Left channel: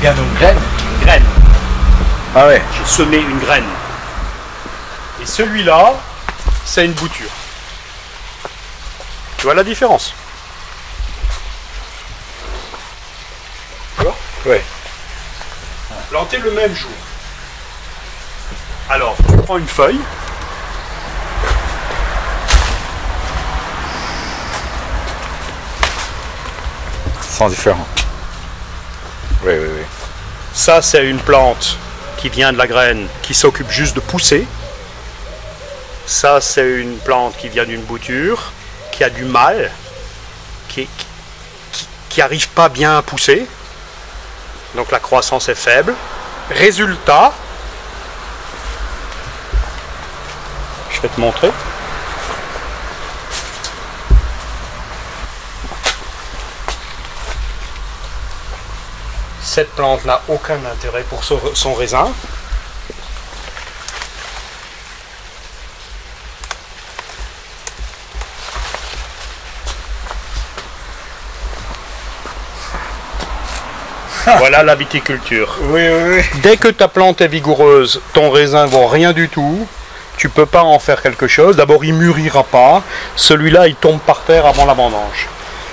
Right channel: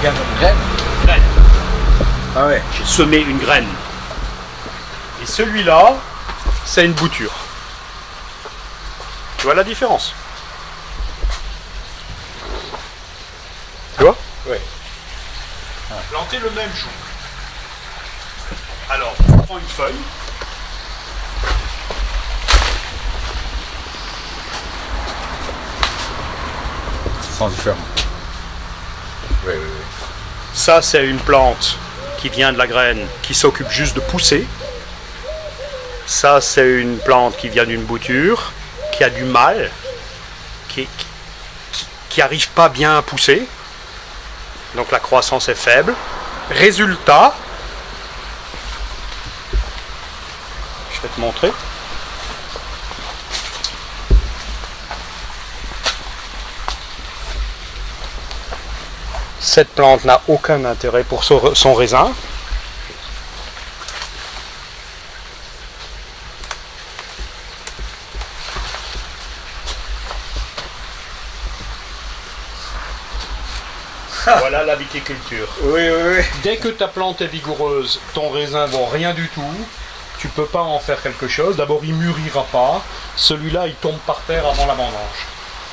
bien une graine. Graine. Ah ouais. J'ai semé une graine. Et celui-là, c'est une bouture. Tu vois la différence? Tu vois? Ouais. Planter le même jour. Alors, tu prends une feuille. Sans différent. Oui, oui, oui. Ça, c'est une plante qui vient de la graine, qui s'occupe juste de pousser. Ça, c'est une plante qui vient d'une bouture, qui a du mal, qui n'arrive pas bien à pousser. Donc la croissance est faible. Résultat, je vais te montrer. Cette plante n'a aucun intérêt pour son raisin. Voilà la viticulture. Oui, oui, oui. Dès que ta plante est vigoureuse, ton raisin ne vaut rien du tout. Tu peux pas en faire quelque chose. D'abord, il mûrira pas. Celui-là, il tombe par terre avant la vendange.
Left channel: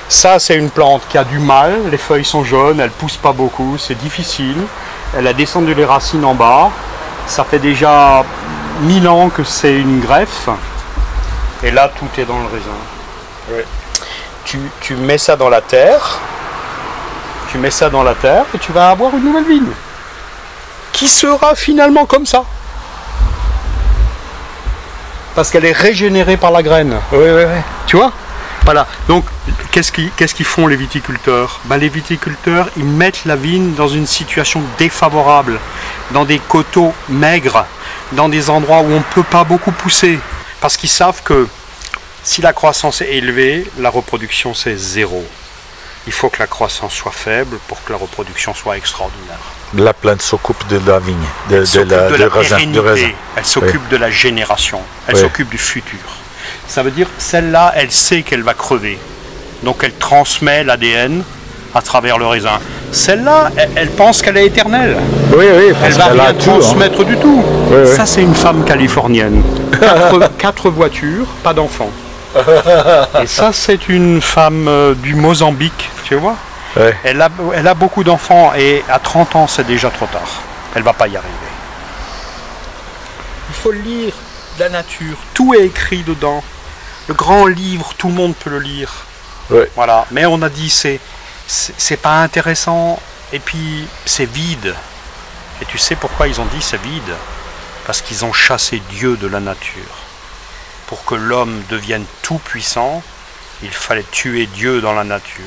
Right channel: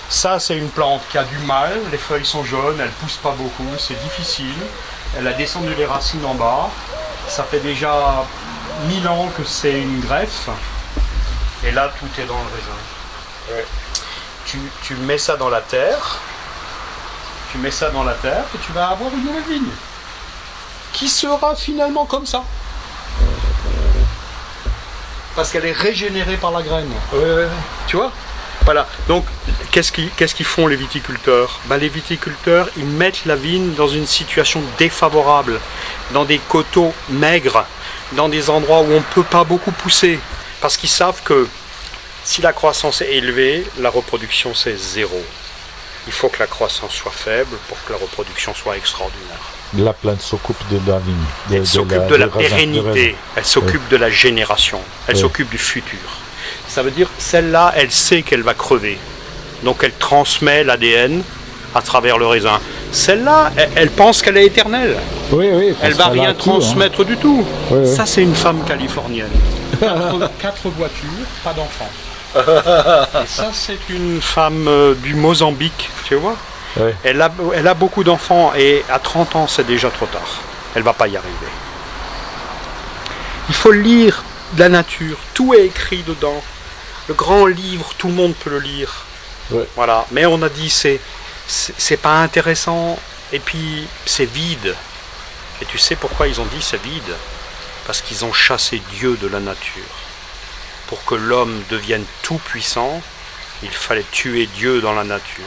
Ça, c'est une plante qui a du mal. Les feuilles sont jaunes, elle pousse pas beaucoup, c'est difficile. Elle a descendu les racines en bas. Ça fait déjà 1000 ans que c'est une greffe. Et là, tout est dans le raisin. Ouais. Tu mets ça dans la terre. Tu mets ça dans la terre et tu vas avoir une nouvelle vigne. Qui sera finalement comme ça. Parce qu'elle est régénérée par la graine. Oui, oui, oui. Tu vois? Voilà. Donc, qu'est-ce qu'ils font les viticulteurs? Ben, les viticulteurs, ils mettent la vigne dans une situation défavorable, dans des coteaux maigres, dans des endroits où on ne peut pas beaucoup pousser. Parce qu'ils savent que si la croissance est élevée, la reproduction c'est zéro. Il faut que la croissance soit faible pour que la reproduction soit extraordinaire. La plante s'occupe de la vigne. Elle s'occupe de la pérennité, raisin. elle s'occupe de la génération, elle Oui. s'occupe du futur. Ça veut dire, celle-là, elle sait qu'elle va crever. Donc elle transmet l'ADN à travers le raisin. Celle-là, elle pense qu'elle est éternelle. Oui, oui. Elle va rien transmettre du tout. Oui, oui. Ça, c'est une femme californienne. 4 voitures, pas d'enfants. Et ça, c'est une femme du Mozambique, tu vois. Ouais. Elle a beaucoup d'enfants et à 30 ans, c'est déjà trop tard. Elle va pas y arriver. Il faut lire la nature. Tout est écrit dedans. Le grand livre, tout le monde peut le lire. Ouais. Voilà. Mais on a dit, c'est pas intéressant et puis c'est vide. Et tu sais pourquoi ils ont dit c'est vide? Parce qu'ils ont chassé Dieu de la nature. Pour que l'homme devienne tout puissant, il fallait tuer Dieu dans la nature.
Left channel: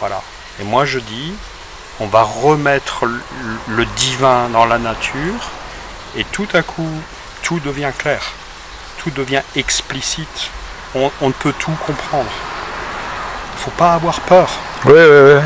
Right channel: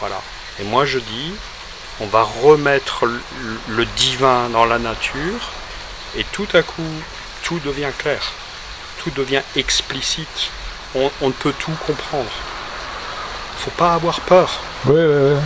Voilà. Et moi je dis, on va remettre le divin dans la nature et tout à coup, tout devient clair. Tout devient explicite. On peut tout comprendre. Il ne faut pas avoir peur. Oui, oui, oui.